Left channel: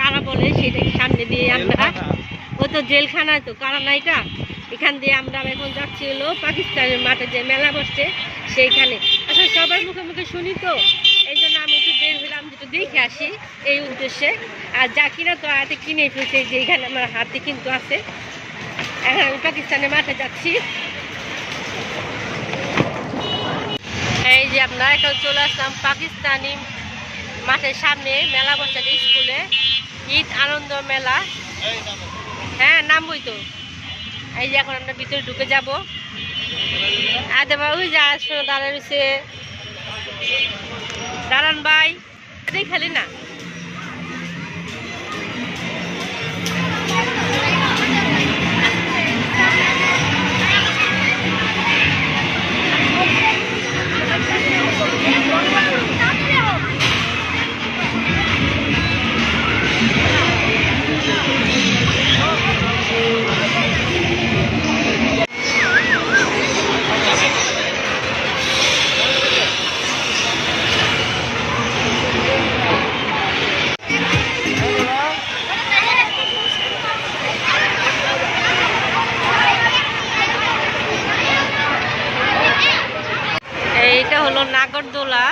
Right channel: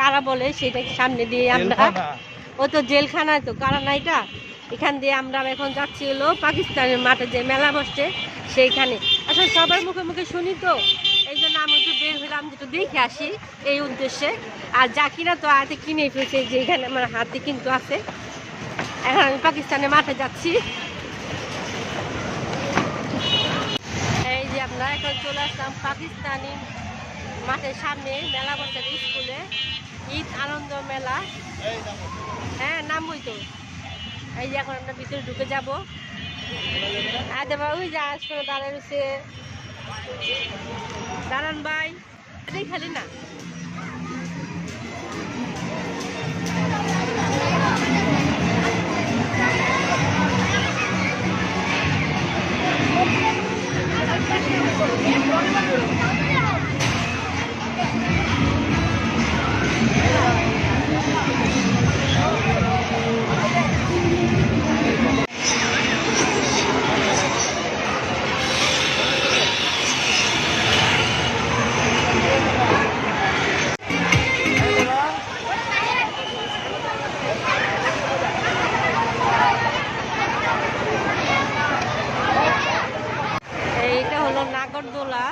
কারা বলে সেটা সামনে দিয়ে আমরা, ও তো জেলখানা, তো কারা না এটা। এখান দিয়ে আমরা এখন যাচ্ছি হলো পাকিস্তানের মাঠে যে মেলা বসছে সেইখানে। আসলে সবার মুখে মুখে শুনি তো, এই জন্য আমি একটু বের হলাম, যেটা দেখে আসি এই উদ্দেশ্যে। আর যা কিনা তো হাতে কিনে ফেলছে, যে এখানে আমার হাতে কিন্তু আছে। এখন আমি পাকিস্তানের মাঠে যাচ্ছি। এই যে আমরা এখন চলে আসলাম পাকিস্তানি মাঠের সামনে, মেলা বসে স্কুলে, ঈদ আনন্দ মেলা। হ্যাঁ, নামবই তো। এই যে এখন আমরা ভিতরে ঢুকে যাবো। আর দেবা ওই যে আসলে দাঁড়ায় রয়েছে, দাঁড়ান ভাই, খালি না। এইটা হলো নাগরদোলা,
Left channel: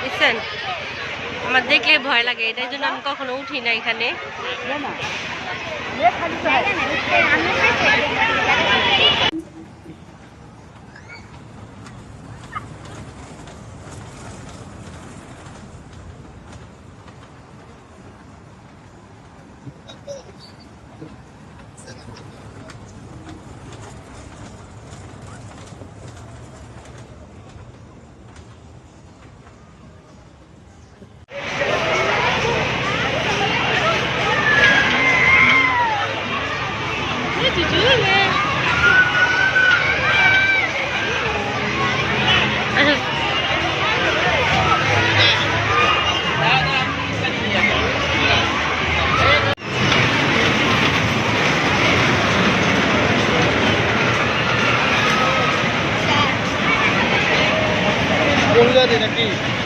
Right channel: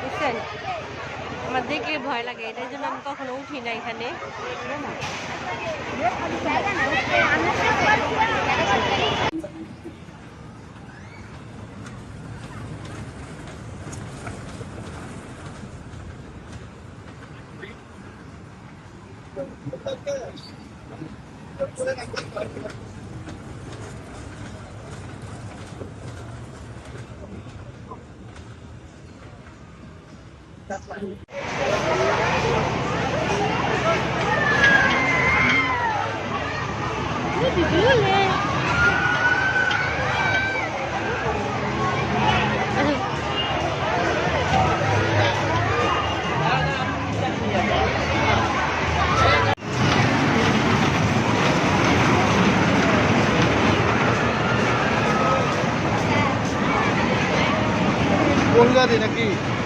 বুঝছেন? আমার দেখলে ভয় লাগে, এটার জন্য আমি কখনো উঠি না এখানে।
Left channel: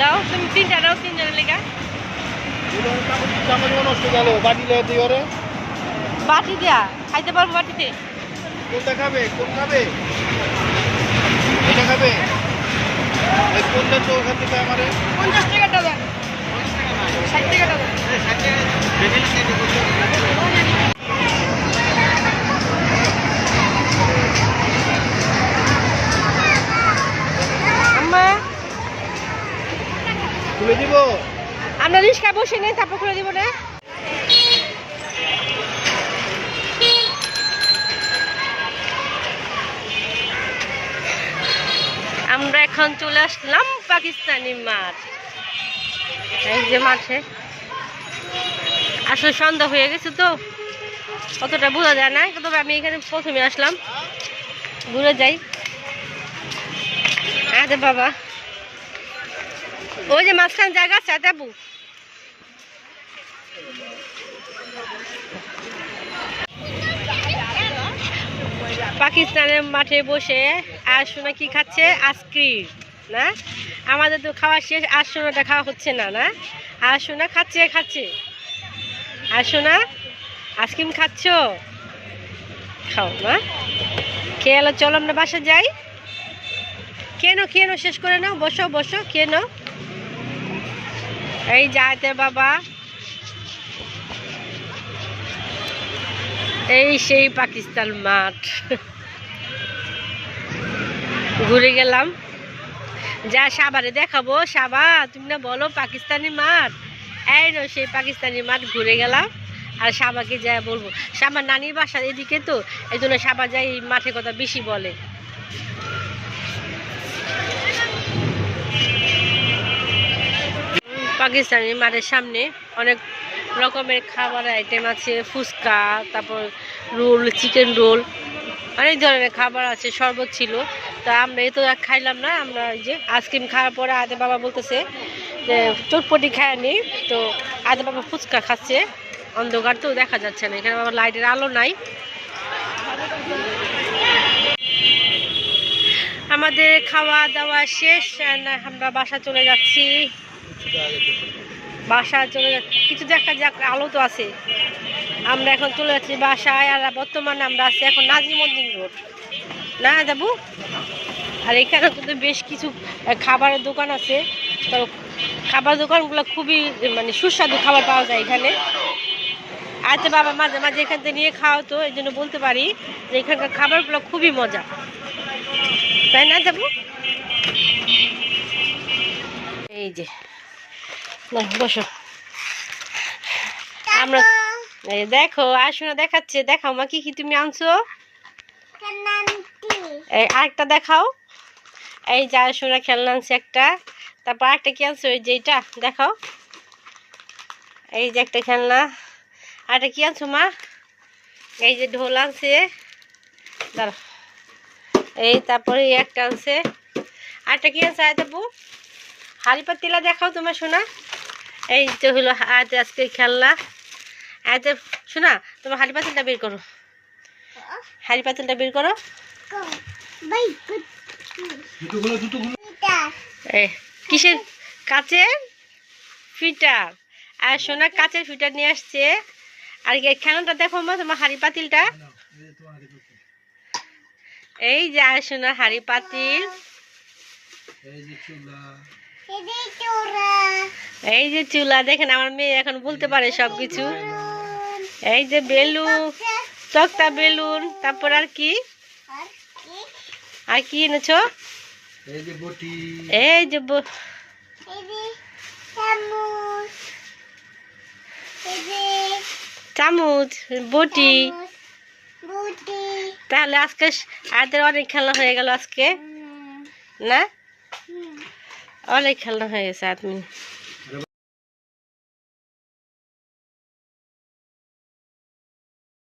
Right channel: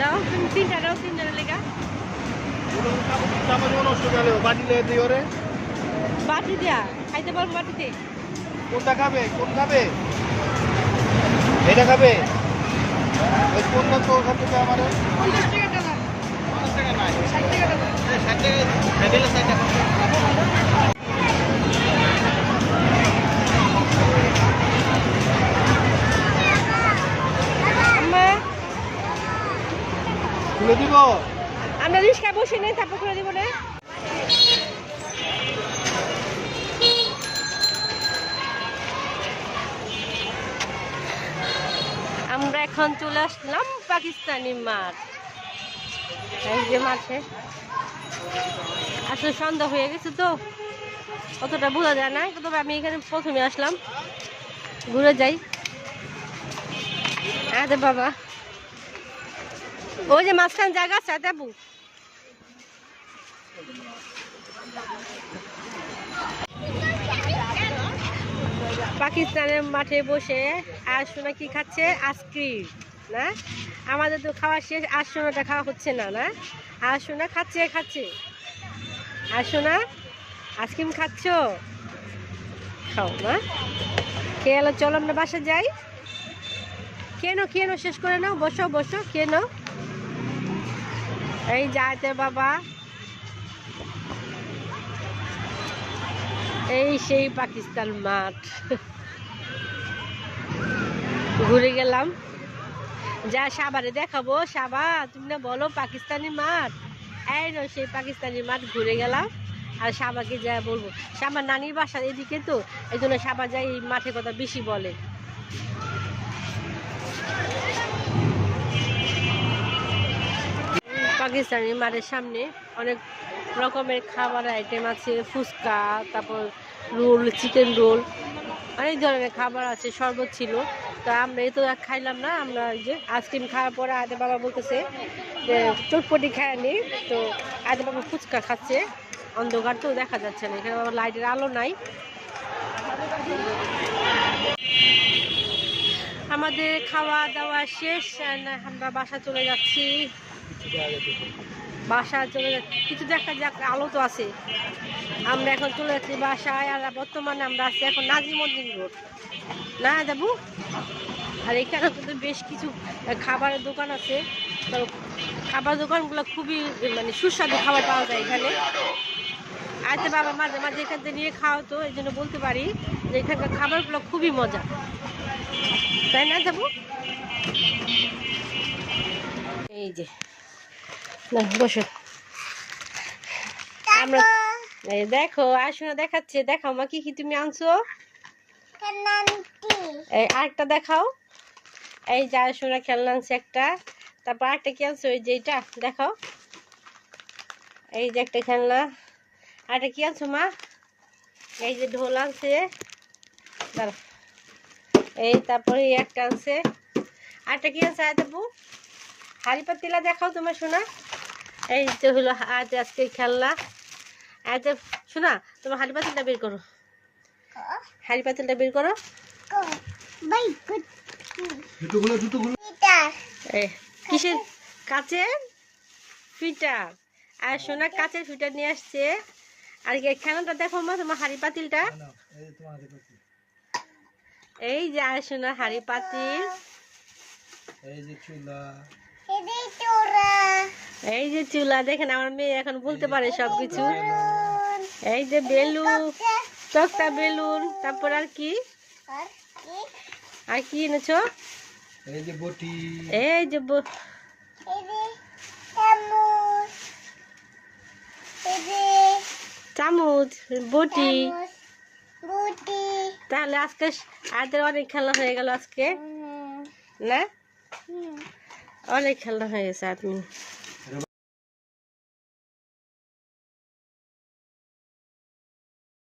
দাও তুমি তিনটা দাও, তিনজনের লেগা বাটি দেয়া খাইতে পারবো। বাটিতে কোনটা খাবে? কোন খাবে? এটা খাবে? কোনটা তো ওখান থেকে আমার 50 টাকা দেন, 60 টাকা দেন, 60 টাকা। খুলে দিব? আমরা রিক্সা বসে নেই, তারপর খুলে দিব না। আমরা এখন চলে আসলাম পাকিস্তানি মাঠ। এই যে মাঠে আসলে সন্ধ্যা হয়ে গেছে তো অতটা বোঝা যায় না, তবে আমি এখানে প্রথমে আসলাম, ঘুরে যাই। আরে বাবা, ওই যে মাঝখান জায়গা আছে দেবু। পাকিস্তানের মাঠে বসে আর সোনা কি খাচ্ছে? আইসক্রিম না? আমাদের তো খাওয়া শেষ, আর সোনাটা খাওয়া হচ্ছে না। না, আর সোনা খাচ্ছে আর সোনা আইসক্রিম খাচ্ছ? খাও না, খেয়ে এলো। চলো আমরা বাসা যাই। খেয়ে নাও, শেষ করে নাও, বসো বসো, খেয়ে নাও। এই যাইতে বাবা, এই সেই পাকিস্তান মাঠ। ঘুরে গেলাম, যা সাবারে দেখাবো। সাবা তুমি না বলো পাকিস্তানি মাঠ, এই নো সেই পাকিস্তানি মাঠ। ঘুরে গেলাম আর সাবাকে যা বলবো, সাবার নানির বাসার এদিকে তো, এই জন্য সাবা যাই মাঠের কথা বেশি বলে। পাকিস্তানি মাঠের সামনে অনেক রকমের খাবার আইটেম আছে, ফুচকা, তারপর রোল, চিকেন রোল, অনেক ধরনের খাবার আছে, শরবত ছিল। তা আমরা এই তো খাইলাম না, আমরা ওই যে আইসক্রিম খাওয়ার পরে আদে বাবা বলতেছে চটপটি খায়নি। তো আজ বাবা ফুচকা খাচ্ছে, অন্ধকার তো দেখা যাচ্ছে না, এখানে বাবা লাইটের আলো নাই। আমাদের খাওয়া দাওয়া শেষ, আমরা বাসা চলে যাচ্ছি। বাসা চলে যাচ্ছি, কিছু দেখা যাক, আলো তো আছে। আমরা এখন চলে যাচ্ছি বাসায়। আর বর্তমানে আমরা আছি এখন নাজিমউদ্দিন রোড, না যাবো। আর এখানে কিন্তু বেশ কিছু খাবারের দোকান আছে। তো খাবার দোকানগুলো খুবই মানে সুস্বাদু খাবার পাওয়া যায় এখানে। আচ্ছা বাবা মাঝে মাঝে এখান থেকে নিয়ে খাওয়া, তো এই জন্য বলতে পারি যে এখানকার খাবারগুলো খুবই মজা, তাই না যাবো। এই যে বসো, আমরা দেখো আসুন দেখাচ্ছে, দেখাও মা কি কি তুমি আনছো, আরেকটা দেখাও। এই যে আসুনা খেলনা আনছে একটা, তারপর আরেকটা কি আনছো, ওই যে এইটা দেখাও, এই যে একটা খেলনা। আরেকটা কি আনছো মা, এই যে ঢোল আনছে, দাঁড়া, এই তারপরে একটা আনছে। আরেকটা কি আনছে দেবো, হাড়ি পাতিলা দেখাও তোমার শোনা। এই যে হলো আজ আজকে খেলনা। আজ শোনা তোমার হাড়ি পাতিলটা বের করো, হাড়ি পাতিলটা বের করো। কিসের, কাচের ফিটার। আর সোনা কাচের ফিটার নিয়ে আসছে। আর খেলনাটা দেখো মা তোমার হাড়ি পাতিলটা, এই যে আর সোনা হাড়ি পাতিল, এই যে চুলা। দেখেন আমার মেয়ে এখন বলতে পারে সবকিছু। এই যে বেলুন, তক্তা বেলুন, তারপর আর কি, আর কি এনেছো, এই যে বটি, এই যে চামচ, বটি। তাহলে আজকে আদের অনেক খেলনা হয়ে গেল আজকে, না অনেক খেলনা হয়ে গেছে। আপনি